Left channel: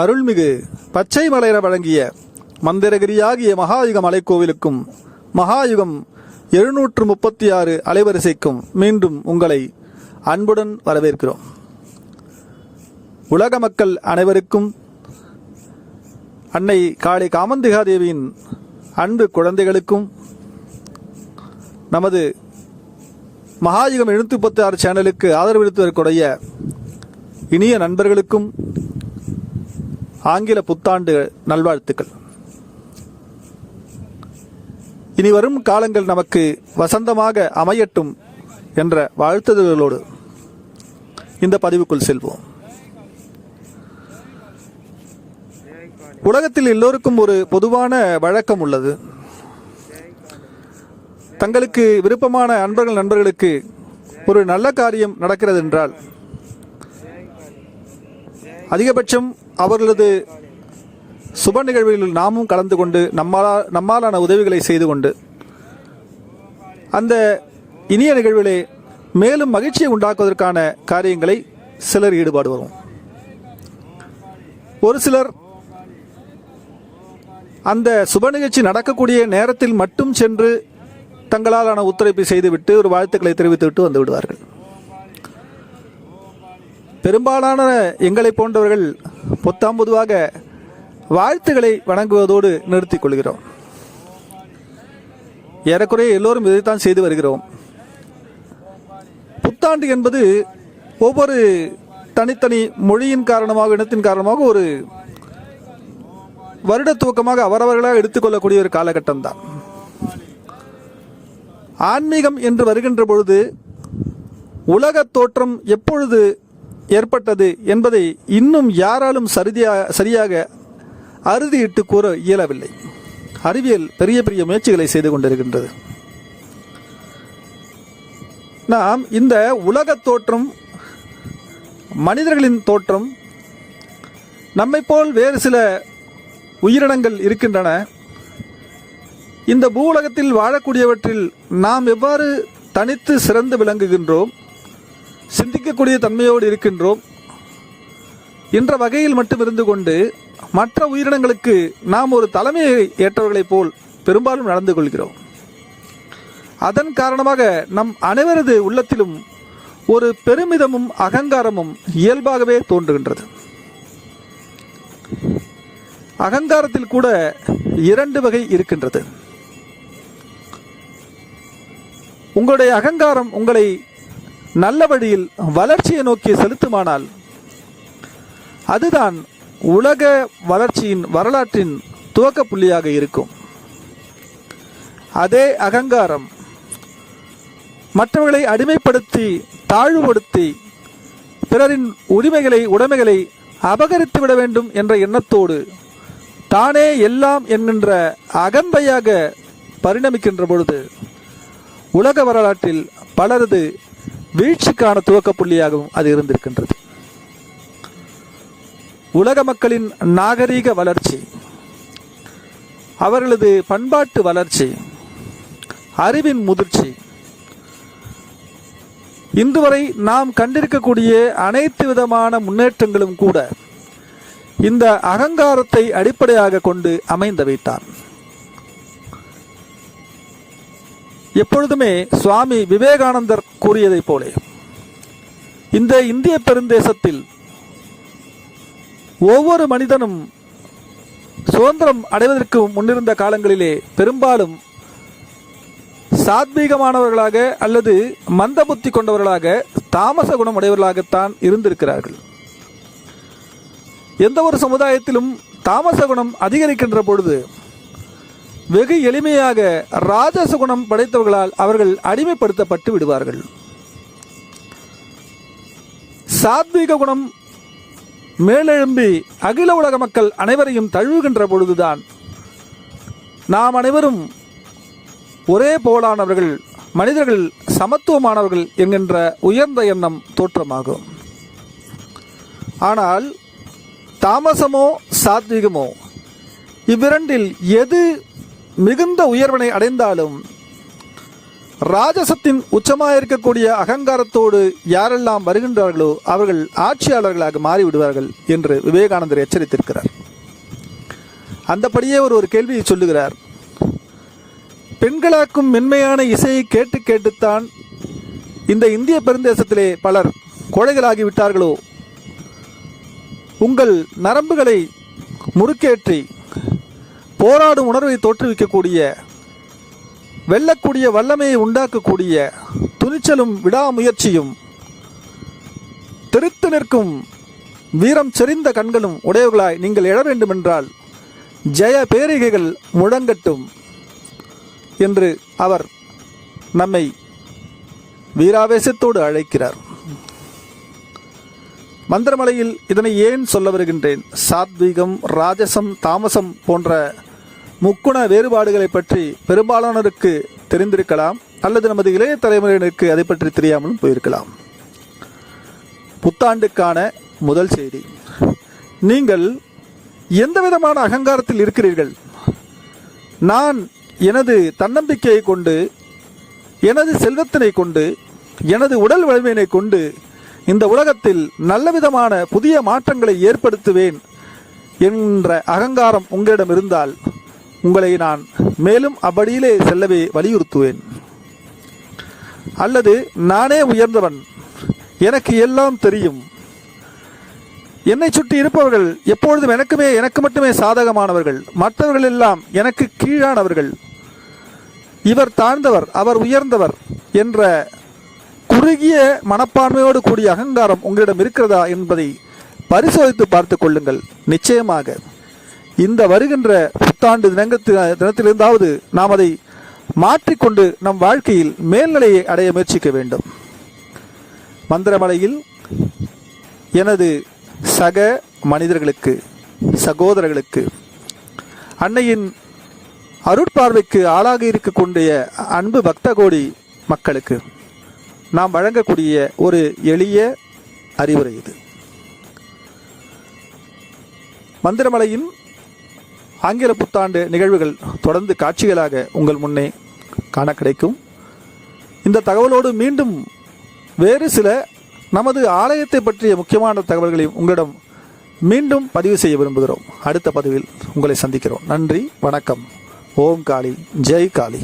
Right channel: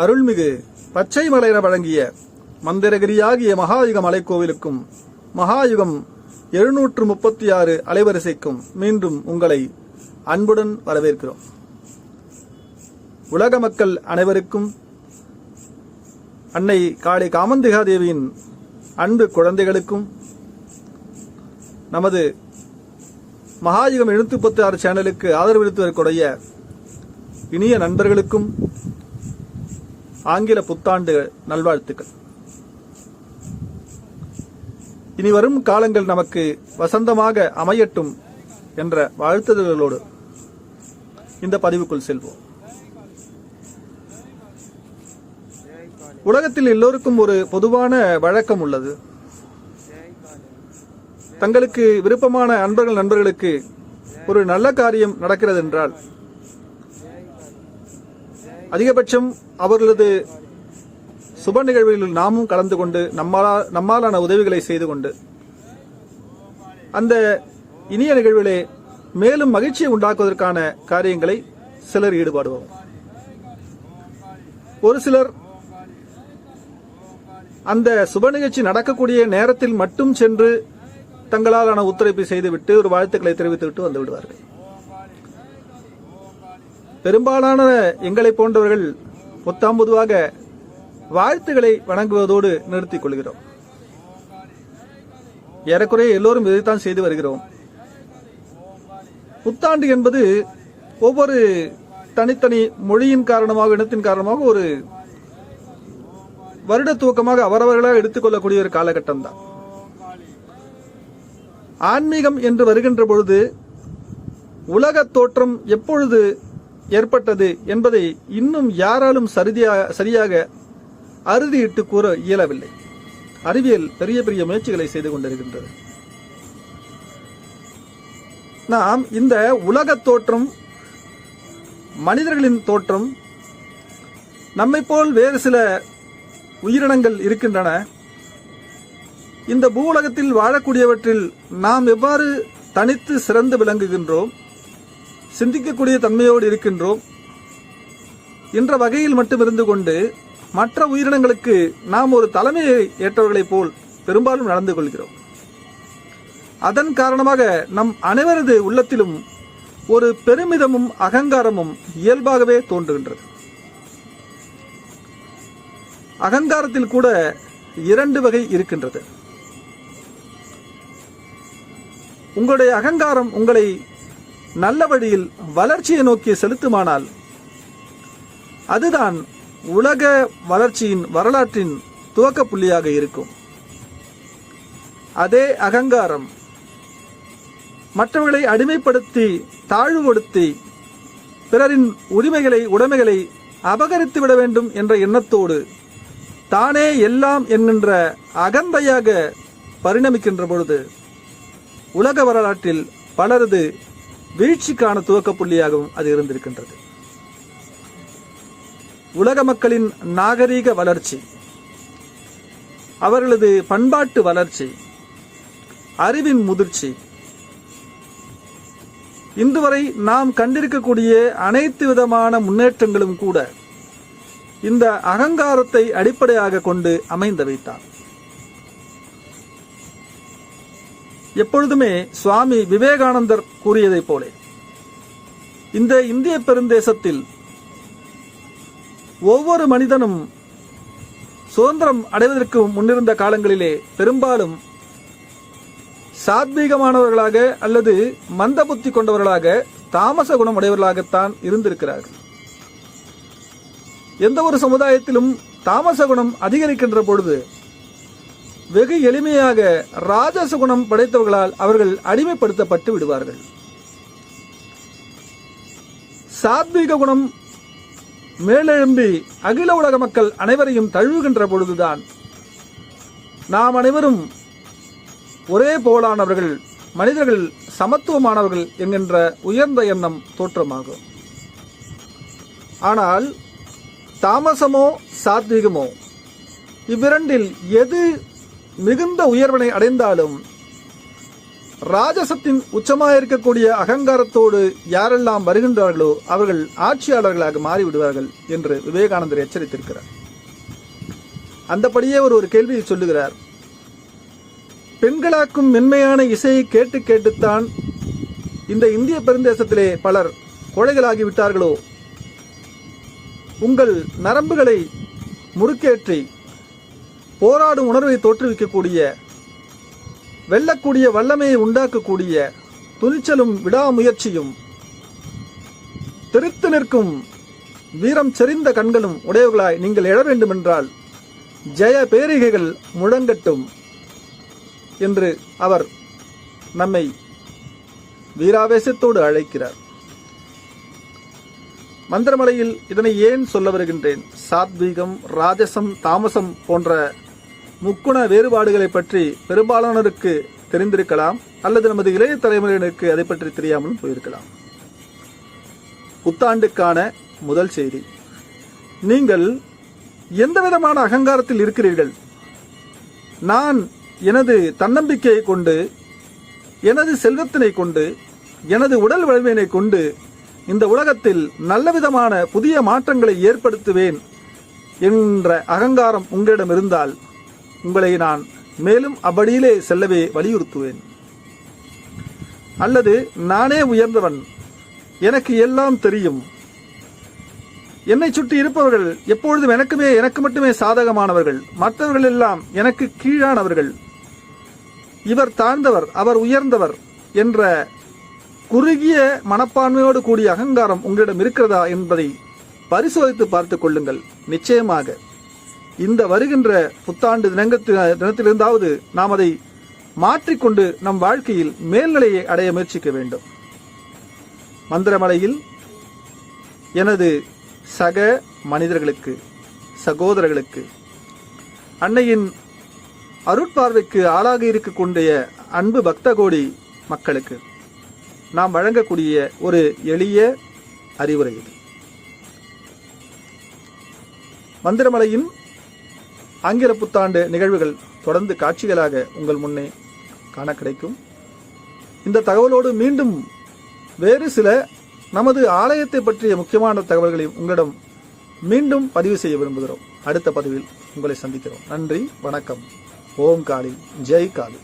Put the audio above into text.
அருள்மிகு பச்சை மலையென வழங்கிய மந்திரகிரியாகிய மகாயுக மலைக்கோவிலுக்கும் மகாயுகம் எழுநூற்று முப்பத்தி ஆறு அலைவரிசைக்கும் மீண்டும் உங்களை அன்புடன் வரவேற்கிறோம். உலக மக்கள் அனைவருக்கும் அன்னை காளி காமந்திகாதேவியின் அன்பு குழந்தைகளுக்கும் நமது மகாயுகம் எழுநூத்தி முப்பத்தி ஆறு சேனலுக்கு ஆதரவளித்து வரக்கூடிய இனிய நண்பர்களுக்கும் ஆங்கில புத்தாண்டு நல்வாழ்த்துக்கள். இனி வரும் காலங்கள் நமக்கு வசந்தமாக அமையட்டும் என்ற வாழ்த்துதல்களோடு இந்த பதிவுக்குள் செல்வோம். உலகத்தில் எல்லோருக்கும் ஒரு பொதுவான வழக்கம் உள்ளது. தங்களுக்கு விருப்பமான அன்பர்கள் நண்பர்களுக்கு ஒரு நல்ல காரியம் நடக்கிறது என்றால் அதிகபட்சம் அவர்களது சுப நிகழ்வுகளில் நாமும் கலந்து கொண்டு நம்மாலா நம்மாலான உதவிகளை செய்து கொண்டு அந்த இனிய நிகழ்விலே மேலும் மகிழ்ச்சியை உண்டாக்குவதற்கான காரியங்களை சிலர் ஈடுபாடுவோம் ஒரு சிலர் அந்த சுப நிகழ்ச்சி நடக்கக்கூடிய நேரத்தில் மட்டும் சென்று தங்களாலான ஒத்துழைப்பை செய்துவிட்டு ஒரு வாழ்த்துக்களை தெரிவித்துவிட்டு வந்து விடுவார்கள். பெரும்பாலான எங்களை போன்றவர்கள் புத்தாம் பொதுவாக வாழ்த்துக்களை வணங்குவதோடு நிறுத்திக் கொள்கிறோம். ஏறக்குறைய எல்லோரும் இதைத்தான் செய்து வருகிறோம். புத்தாண்டு என்பது ஒவ்வொரு தனித்தனி மொழியின் காரணமாக இனத்தின் காரணமாக ஒரு வருட துவக்கமாக அவரவர்களாக எடுத்துக்கொள்ளக்கூடிய ஒரு காலகட்டம் தான் ஆன்மீகம் என்று வருகின்ற பொழுது உலக தோற்றம் எப்பொழுது ஏற்பட்டது என்பதை இன்னும் யாராலும் சரியாக சரியாக அறுதியிட்டு கூற இயலவில்லை. அறிவியல் பெரிய பெரிய முயற்சிகளை செய்து கொண்டிருக்கின்றது. நாம் இந்த உலக தோற்றம் மனிதர்களின் தோற்றம் நம்மை போல் வேறு சில உயிரினங்கள் இருக்கின்றன. இந்த பூவுலகத்தில் வாழக்கூடியவற்றில் நாம் எவ்வாறு தனித்து சிறந்து விளங்குகின்றோம்? சிந்திக்கக்கூடிய தன்மையோடு இருக்கின்றோம். என்ற வகையில் மட்டும் இருந்து கொண்டு மற்ற உயிரினங்களுக்கு நாம் ஒரு தலைமையை ஏற்றவர்களைப் போல் பெரும்பாலும் நடந்து கொள்கிறோம். அதன் காரணமாக நம் அனைவரது உள்ளத்திலும் ஒரு பெருமிதமும் அகங்காரமும் இயல்பாகவே தோன்றுகின்றது. அகங்காரத்தில் கூட இரண்டு வகை இருக்கின்றது. உங்களுடைய அகங்காரம் உங்களை நல்ல வழியில் வளர்ச்சியை நோக்கி செலுத்துமானால் அதுதான் உலக வளர்ச்சியின் வரலாற்றின் துவக்க புள்ளியாக இருக்கும். அதே அகங்காரம் மற்றவர்களை அடிமைப்படுத்தி தாழ்வுபடுத்தி பிறரின் உரிமைகளை உடைமைகளை அபகரித்து விட வேண்டும் என்ற எண்ணத்தோடு தானே எல்லாம் என்கின்ற அகம்பையாக பரிணமிக்கின்ற பொழுது உலக வரலாற்றில் பலரது வீழ்ச்சிக்கான துவக்க புள்ளியாகவும் அது இருந்திருக்கின்றது. உலக மக்களின் நாகரீக வளர்ச்சி அவர்களது பண்பாட்டு வளர்ச்சி அறிவின் முதிர்ச்சி இன்று வரை நாம் கண்டிருக்கக்கூடிய அனைத்து விதமான முன்னேற்றங்களும் கூட இந்த அகங்காரத்தை அடிப்படையாக கொண்டு அமைந்தவைத்தான் எப்பொழுதுமே சுவாமி விவேகானந்தர் கூறியதைப் போலே இந்த இந்திய பெருந்தேசத்தில் ஒவ்வொரு மனிதனும் சுதந்திரம் அடைவதற்கு முன்னிருந்த காலங்களிலே பெரும்பாலும் சாத்வீகமானவர்களாக அல்லது மந்த புத்தி கொண்டவர்களாக தாமச குணம் உடையவர்களாகத்தான் இருந்திருக்கிறார்கள். எந்த ஒரு சமுதாயத்திலும் தாமச குணம் அதிகரிக்கின்ற பொழுது வெகு எளிமையாக ராஜச குணம் படைத்தவர்களால் அவர்கள் அடிமைப்படுத்தப்பட்டு விடுவார்கள். சாத்வீக குணம் மேலெழும்பி அகில உலக மக்கள் அனைவரையும் தழுவுகின்ற பொழுதுதான் நாம் அனைவரும் ஒரே போலானவர்கள் மனிதர்கள் சமத்துவமானவர்கள் என்கின்ற உயர்ந்த எண்ணம் தோற்றமாகும். ஆனால் தாமசமோ சாத்வீகமோ இவ்விரண்டில் எது மிகுந்த உயர்வினை அடைந்தாலும் ராஜசத்தின் உச்சமாயிருக்கக்கூடிய அகங்காரத்தோடு யாரெல்லாம் வருகின்றார்களோ அவர்கள் ஆட்சியாளர்களாக மாறிவிடுவார்கள் என்று விவேகானந்தர் எச்சரித்திருக்கிறார். அந்தபடியே ஒரு ஒரு கேள்வியை சொல்லுகிறார். பெண்களாக்கும் மென்மையான இசையை கேட்டு கேட்டுத்தான் இந்த இந்திய பெருந்தேசத்திலே பலர் கோழைகளாகிவிட்டார்களோ? உங்கள் நரம்புகளை முறுக்கேற்றி போராடும் உணர்வை தோற்றுவிக்கக்கூடிய வெல்லக்கூடிய வல்லமையை உண்டாக்கக்கூடிய துணிச்சலும் விடாமுயற்சியும் தெரித்து நிற்கும் வீரம் செறிந்த கண்களும் உடையவர்களாய் நீங்கள் எழ வேண்டுமென்றால் ஜெய பேரிகைகள் முழங்கட்டும் என்று அவர் நம்மை வீராவேசத்தோடு அழைக்கிறார். மந்திரமலையில் இதனை ஏன் சொல்ல வருகின்றேன்? சாத்வீகம் ராஜசம் தாமசம் போன்ற முக்குண வேறுபாடுகளை பற்றி பெரும்பாலானோருக்கு தெரிந்திருக்கலாம் அல்லது நமது இளைய தலைமுறையினருக்கு அதை பற்றி தெரியாமலும் போயிருக்கலாம். புத்தாண்டுக்கான முதல் செய்தி. நீங்கள் எந்த விதமான அகங்காரத்தில் இருக்கிறீர்கள்? நான் எனது தன்னம்பிக்கையை கொண்டு எனது செல்வத்தினை கொண்டு எனது உடல் வலிமையினை கொண்டு இந்த உலகத்தில் நல்ல விதமான புதிய மாற்றங்களை ஏற்படுத்துவேன் என்ற அகங்காரம் உங்களிடம் இருந்தால் உங்களை நான் மேலும் அப்படியிலே செல்லவே வலியுறுத்துவேன். அல்லது நானே உயர்ந்தவன் எனக்கு எல்லாம் தெரியும். என்னை சுற்றி இருப்பவர்கள் எப்பொழுதும் எனக்குமே எனக்கு மட்டுமே சாதகமானவர்கள். மற்றவர்கள் எல்லாம் எனக்கு கீழானவர்கள். இவர் தாழ்ந்தவர் அவர் உயர்ந்தவர் என்ற குறுகிய மனப்பான்மையோடு கூடிய அகங்காரம் உங்களிடம் இருக்கிறதா என்பதை பரிசோதித்து பார்த்துக் கொள்ளுங்கள். நிச்சயமாக. இந்த வருகின்ற புத்தாண்டு தினங்கத்தி தினத்திலிருந்தாவது நாம் அதை மாற்றிக்கொண்டு நம் வாழ்க்கையில் மேல்நிலையை அடைய முயற்சிக்க வேண்டும். மந்திரமலையில் எனது சக மனிதர்களுக்கு சகோதரர்களுக்கு அன்னையின் அருட்பார்வைக்கு ஆளாக இருக்கக்கூடிய அன்பு பக்த கோடி மக்களுக்கு நாம் வழங்கக்கூடிய ஒரு எளிய அறிவுரை இது. மந்திரமலையின் ஆங்கில புத்தாண்டு நிகழ்வுகள் தொடர்ந்து காட்சிகளாக உங்கள் முன்னே காண கிடைக்கும். இந்த தகவலோடு மீண்டும் வேறு சில நமது ஆலயத்தை பற்றிய முக்கியமான தகவல்களையும் உங்களிடம் மீண்டும் பதிவு செய்ய விரும்புகிறோம். அடுத்த பதிவில் உங்களை சந்திக்கிறோம். நன்றி வணக்கம். ஓம் காளி ஜெய் காளி.